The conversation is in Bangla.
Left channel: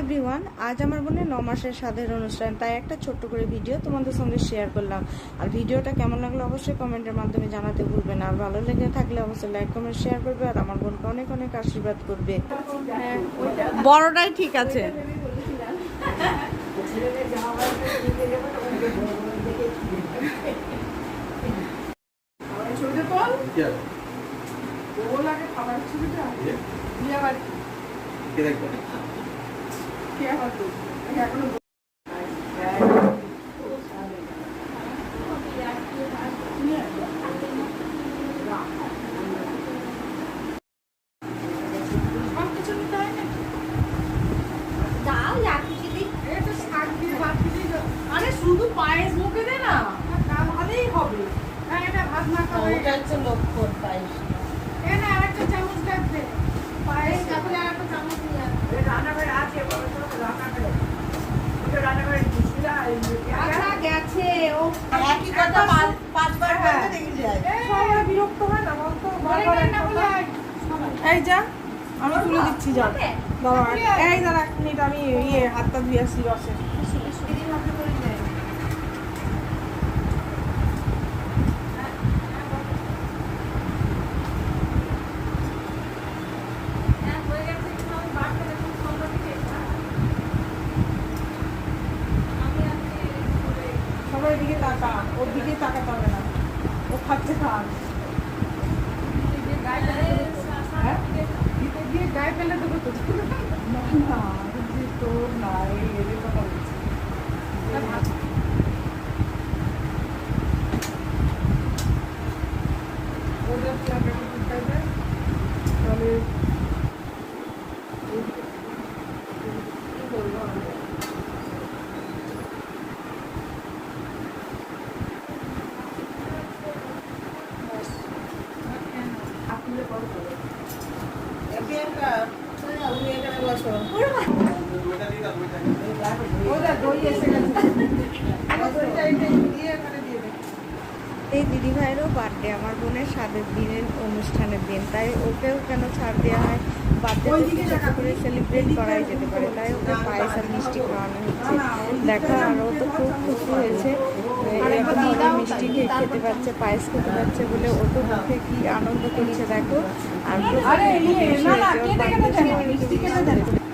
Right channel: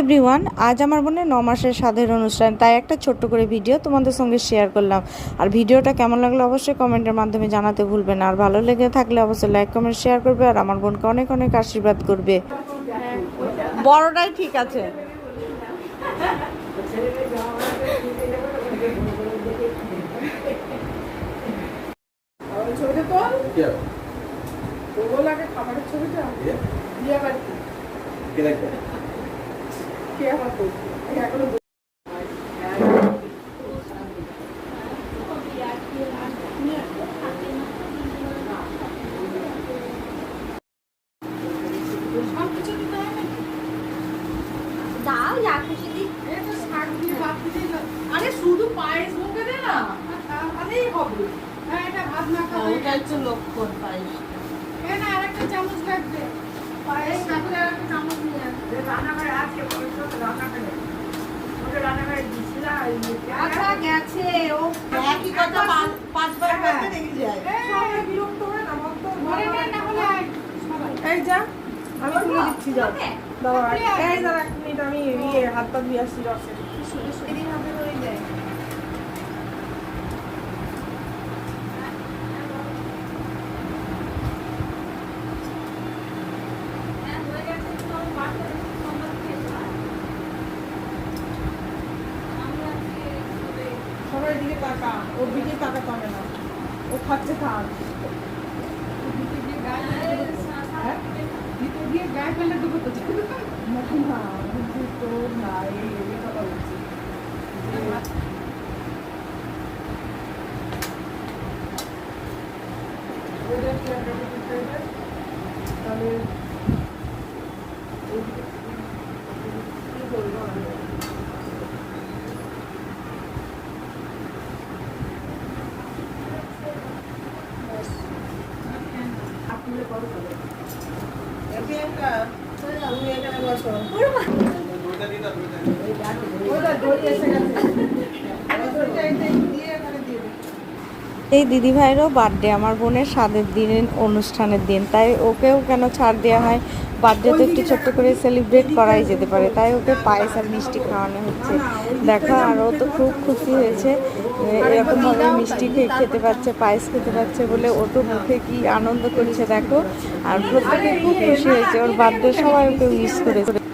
এভরিওয়ান, আজ আমার বোনের 9 মাসের স্বাদের অনুষ্ঠান, তাই একটা ছোট্ট করে ভিডিও তোমাদের সঙ্গে শেয়ার করলাম। আর ভিডিওটা কেমন লাগলো অবশ্যই কমেন্টের মাধ্যমে জানাতে ভুলবে না। আর ভালো লেগে থাকলে অবশ্যই লাইক কমেন্ট শেয়ার করবে আর আমার বোনকে অনেক অনেক আশীর্বাদ করবে। বড়টাই ঠিক আছে। আরে শুধু পায়েস মুখে দে না, তাহলেই হবে। হ্যাঁ, এটা ভাত মাখা, ওটা হচ্ছে লক্ষণ পায়েস। এখানে আরেকটা চামচ রাখবে। পায়েস তারপরে আরেকটা চামচ নিয়ে আসবে। রান্নাঘরে আছে, বলে তো রান্নাঘরে। ওটা রান্নাঘরে দিছিলা, আচ্ছা গেছে ও একই কথা পাঁচবার করতে দেখি যায়। সবাই বিরক্ত হয় না, অত ঘরে না হলে এই যা আমি তুলে দিচ্ছি, যাও দাঁড়া, এই দাঁড়া এক মিনিট, আমি হাতটা ধুয়ে আসছি রসে। সবার দিকে তাকা, ওর দিকে তাকাতে হবে না, ও খাচ্ছে খান। হ্যাঁ, ভিতর দিয়ে গায়ে ফেলে দেবো তো না, তোর নাই এগুলো কথা বলছি। তাহলে এই দিদিভাইয়েরও বার্থডে, আমার বোনের স্বাদের দিনের অনুষ্ঠানের দিন, তাই ওকেও কেন ছাড় দেওয়া হয়। বার্থডে তো একটু ছোট্ট করে সেলিব্রেট করাই যেতে পারে, তাই ওকে পায়েস আর মিষ্টি খাওয়ানো হচ্ছে। দেখো, আর ও তো খুব খুশি হয়েছে, এরকমভাবে মিষ্টি খেতে পাচ্ছে, পায়েস খেতে পাচ্ছে বলে ও তো মুখে কি আনন্দ করছে দেখো। আর প্রত্যেকে খুব খুশি হয়েছে, ওর বার্থডে সবাই ওকে উইশ করেছে।